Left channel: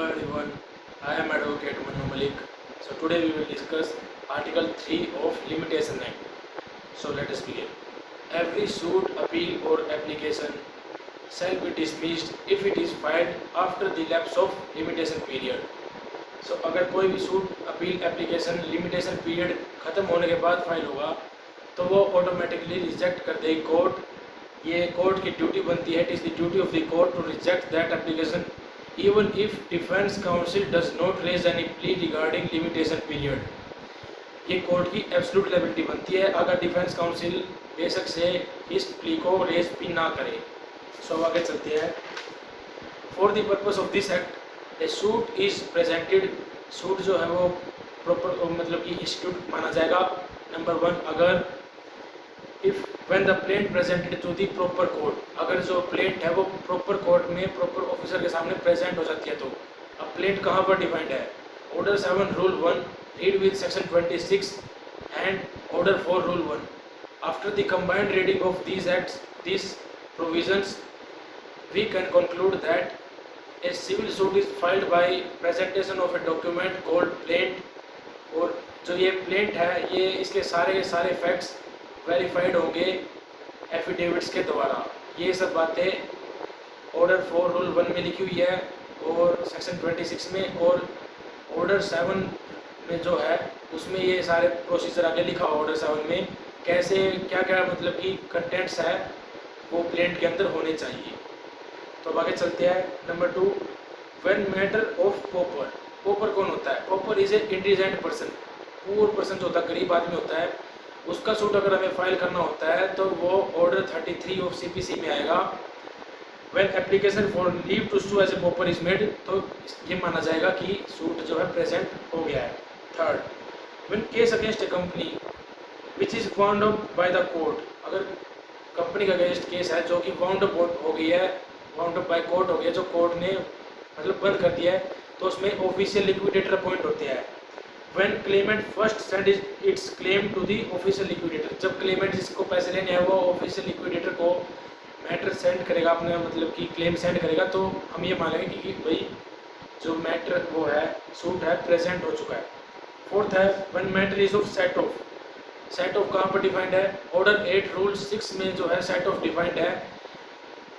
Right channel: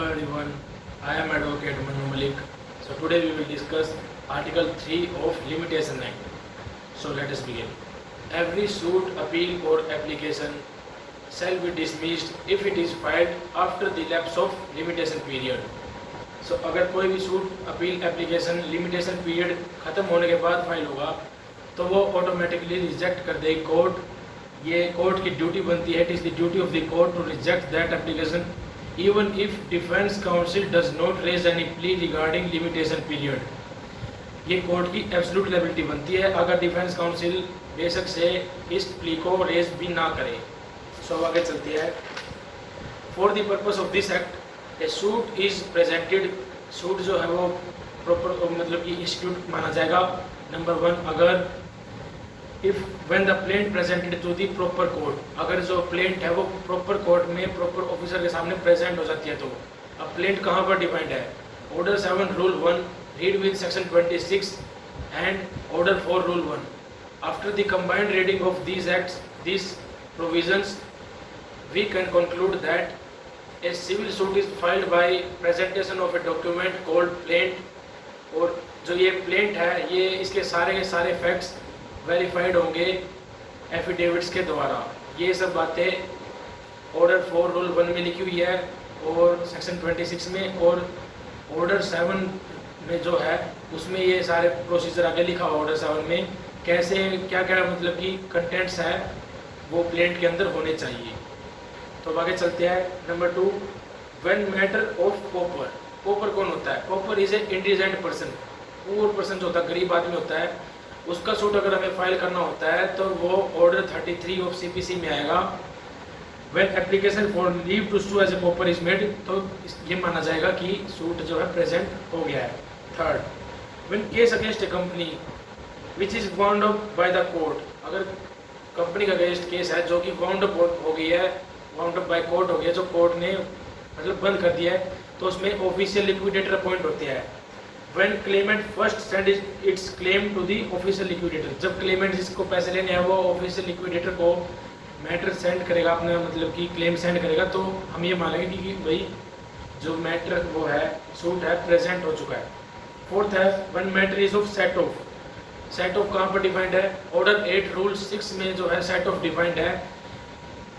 Hello everyone, I am Advocate Manu Malik. So today we will discuss Article 3 of Limitation Act. So let us begin. Every suit, appeal or application shall be dismissed if it is filed after the lapse of limitation period. So अगर कोई भी suit, appeal, application limitation period खत्म होने के बाद file होगा तो वो ऑटोमेटिकली रिजेक्ट कर देगी कोर्ट. ये कोर्ट की ड्यूटी बनती है. It is the duty of the court to reject that application even if defense counsel does not raise any plea regarding limitation period. ये कोर्ट की एब्सोल्यूट लायबिलिटी बनती है अगर डिफेंस काउंसिल बेशक से इस प्ली को रेज भी ना करे. सो अब आगे चलते हैं. For the purpose of this act A suit is presented. Suit जो है वो प्रॉपर मतलब कि इंस्टीट्यूट माना जाएगा. नंबर 1, अगर if when the plaint presented to the proper court. अगर जो प्लेंट है वो प्रॉपर कोर्ट में प्रॉपर ऑफिसर के सामने प्रेजेंट हो जाती है तो अब प्लेंट कहाँ पर डिफाइंड है. Order 7 rule 1 read with section 26 and order 4 rule 1. After the combined reading of these acts these provisions we can conclude that a civil suit is filed by presentation of a document called plaint. और जो ये plaint है ये इसके सारे facts verified होंगे affidavits के द्वारा. ये सब बातें ऑर्डर 4 रूल 1 में लिखी हुई है और सेक्शन 26 में, और ऑर्डर 7 में जो है उसमें ये सारे प्रोसीजर आगे लिखा हुआ. ऑर्डर 7 में कैसे क्या क्या मतलब कि कंटेंट्स है वो प्लेंट के अंदर होने चाहिए. तो आगे चलते हैं. Number 2, when matter of pauper. Pauper कौन होता है? Pauper is a indigent person. Poor person जो होता है, गरीब आदमी होता है, उसका सूट अगर हमें फाइल करना होता है तो वो ऑर्डर 33 ऑफ सीपीसी में आएगा. When application for leave to sue as a pauper is made, तो ये माना जाएगा कि सूट जो है प्रेजेंट हो गया है. Third, when case against A company which is bound up by the court. अगर कंपनी का अगेंस्ट केस है जो कि बाउंड अप हो गई है, बाउंड अप बाय कोर्ट हो गया, जो कोर्ट ने मतलब बंद कर दिया है, तो उसमें ऑफिशियल लिक्विडेटर अपॉइंट होते हैं. When claimant first send its claim to the official liquidator. जब क्लेमेंट जिसको पैसे लेने हैं वो ऑफिशियल लिक्विडेटर को मैटर सेंड करेगा, अपने मतलब कि क्लेम सेंड करेगा, तो हम ये मानेंगे कि भाई जो मैटर वो है सूट है प्रेजेंट हो चुका है. फोर्थ है when matter is of set of. Set of कहाँ पर डिफाइंड है? ऑर्डर 8 रूल 6 में जो है सेट ऑफ डिफाइंड है.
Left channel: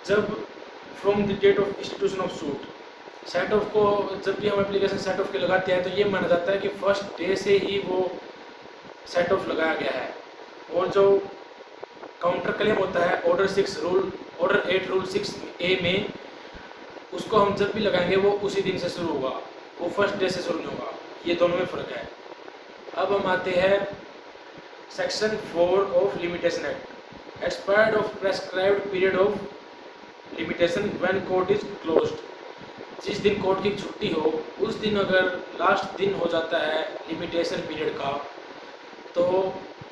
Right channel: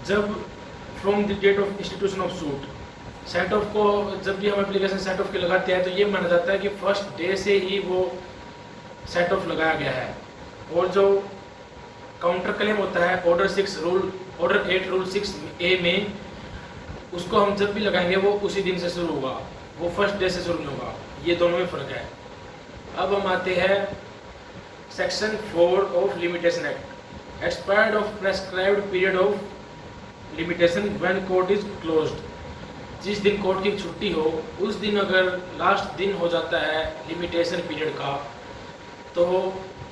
जब from the date of institution of suit. Set off को जब भी हम एप्लीकेशन सेट ऑफ के लगाते हैं तो ये माना जाता है कि फर्स्ट डे से ही वो सेट ऑफ लगाया गया है. और जो काउंटर क्लेम होता है ऑर्डर 8 रूल 6 ए में, उसको हम जब भी लगाएंगे वो उसी दिन से शुरू होगा, वो फर्स्ट डे से शुरू नहीं होगा. ये दोनों में फ़र्क है. अब हम आते हैं section 4 of limitation act. Expired of prescribed period of limitation when court is closed. जिस दिन कोर्ट की छुट्टी हो उस दिन अगर लास्ट दिन हो जाता है लिमिटेशन पीरियड का, तो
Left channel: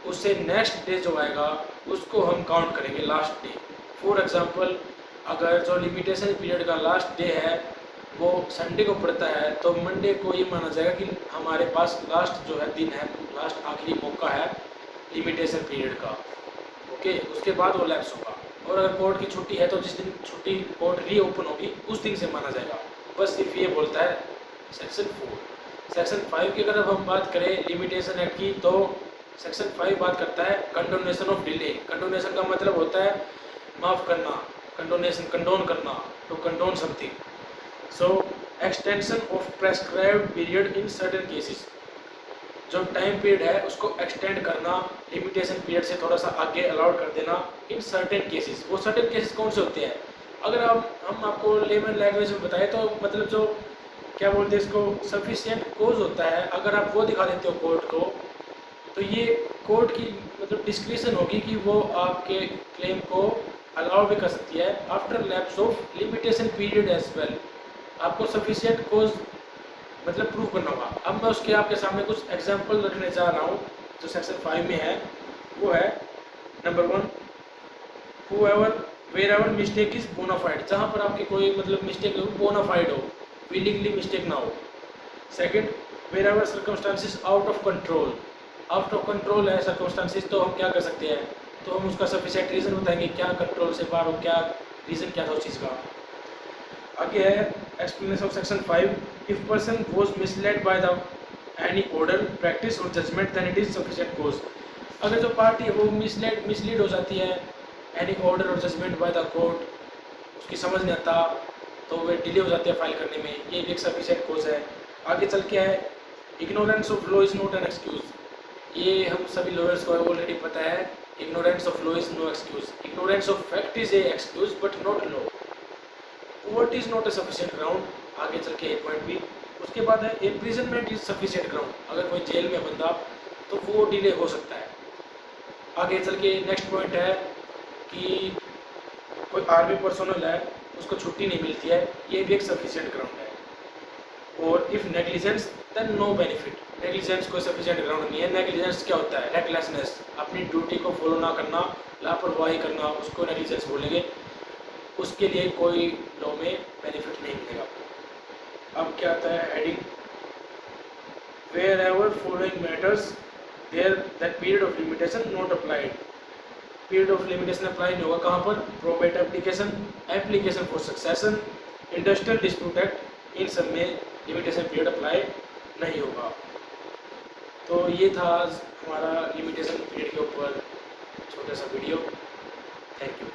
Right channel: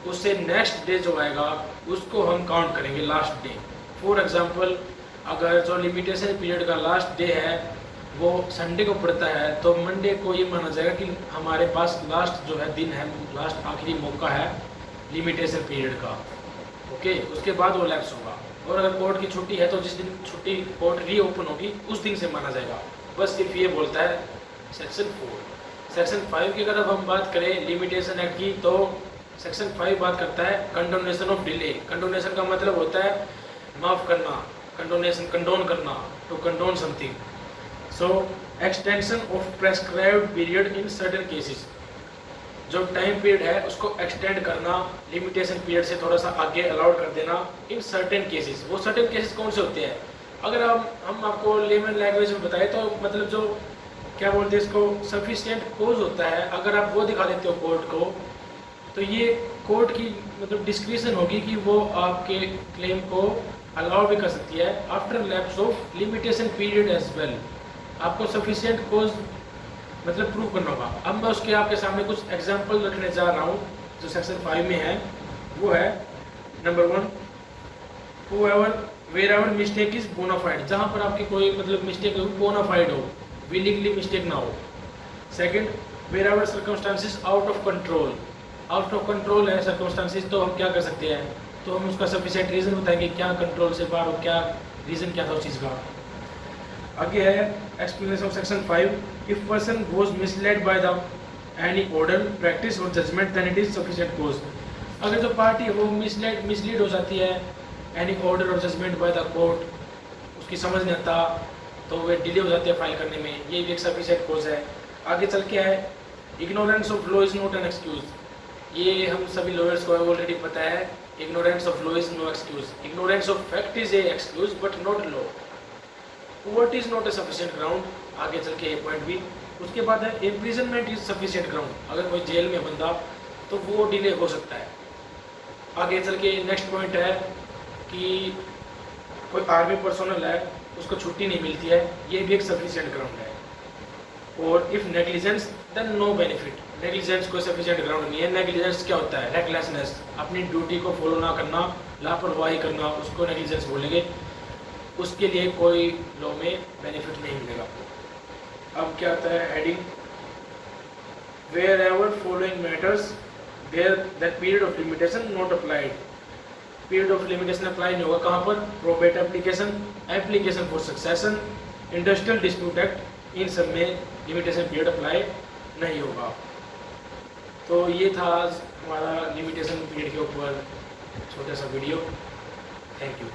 उससे नेक्स्ट डे जो आएगा उसको हम काउंट करेंगे लास्ट डे. फॉर एग्जांपल, अगर जो लिमिटेशन पीरियड का लास्ट डे है वो संडे को पड़ता है तो मंडे को ये माना जाएगा कि हमारे पास लास्ट जो है दिन है, लास्ट आखिरी मौका है लिमिटेशन पीरियड का. ओके, उसके बाद वो लैप्स होगा. और अगर कोर्ट की छुट्टी है तो जिस दिन छुट्टी कोर्ट रीओपन होगी उस दिन से माना जाएगा. बस सिर्फ ये बोलता है सेक्शन 4. सेक्शन 5 की अगर हम बात करें लिमिटेशन एक्ट की, तो सेक्शन 5 बात करता है कंडोनेशन ऑफ डिले. कंडोनेशन का मतलब होता है माफ़ करना. कंडोनेशन कंडोन करना, to condone something. So extension of prescribed period in certain cases. जो टाइम पीरियड है उसको एक्सटेंड करना, लिमिटेशन पीरियड से थोड़ा सा आगे अलाउड कर देना इन सर्टेन केसेस. वो सर्टेन केसेस कौन से होते हैं? अगर हम आपको लेमन लैंग्वेज में बताएं तो मतलब जो क्या बोलते हैं इसको, सफिशिएंट कोज होता है. अगर आप वो दिखा देते हो कोर्ट को तो ये कोर्ट की मतलब डिस्क्रिप्शन होगी कि वो आपके क्लेम को अलाउ भी कर सकती है after lapse of limitation period as well. आपको सफिशिएंट कोज मतलब प्रूफ करना होगा. अब मैं उसके आपके सामने कुछ एग्जांपल रखने जा रहा हूँ जो सेक्शन 5 में है. वो है number 1, whoever wherever mistake is bonafide. जहाँ पर आपकी कोई मतलब मिस्टेक हो बोनाफाइड हो, विलिंगली मिस्टेक ना हो. Second, wherever circumstances out of control. Out of control है सर्कमस्टांसिस, तो हम क्या कर सकते हैं, तो हम उसका सफिशिएंट रीज़न बताएंगे क्या कंट्रोल से बाहर हो, क्या रीज़न क्या था उस चीज़ का. आगे है explanation of section 5, if person was misled by the any order practice और judgment then it is sufficient cause. अगर जो पार्टी है वो मिसलीड हो जाती है एनी ऑर्डर और जजमेंट बाय द कोर्ट, उसकी समझ नहीं आता तो वे डिले हो जाती है फाइल करने में, ये भी एक सफिशिएंट कॉज है। आगे चल के है ignorance of law is not an excuse. ये हम सभी लॉयर्स को ऑलरेडी पता है, ignorance of law is no excuse. Ignorance of fact is a excuse but not law. Court is not a sufficient ground, आगे चल के एक पॉइंट भी। उसके बाद है इम्प्रिजनमेंट इज सफिशिएंट ग्राउंड। अगर कोई जेल में बंदा तो वो डिले हो सकता है। आगे चल के नेक्स्ट पॉइंट है कि कोई आर्मी पर्सनल है उसको छुट्टी नहीं मिलती है, ये भी एक सफिशिएंट ग्राउंड है। और if negligence then no benefit. Negligence कोई सफिशिएंट ग्राउंड नहीं है। नेग्लिजेंस क्या होता है? रेकलेसनेस, अपनी ड्यूटी को फॉलो ना करना, लापरवाही करना, उसको नेग्लिजेंस बोलेंगे। उसके लिए कोई लॉ में बेनिफिट नहीं मिलेगा। अब क्या आता है heading, wherever following matters there that period of limitation not applied. Period of limitation apply नहीं होगा कहाँ पर? Probate application, application for succession, industrial dispute act, इन सब में लिमिटेशन पीरियड अप्लाई नहीं होगा। तो ये था हमारा लिमिटेशन पीरियड के ऊपर छोटा सा वीडियो। Thank you.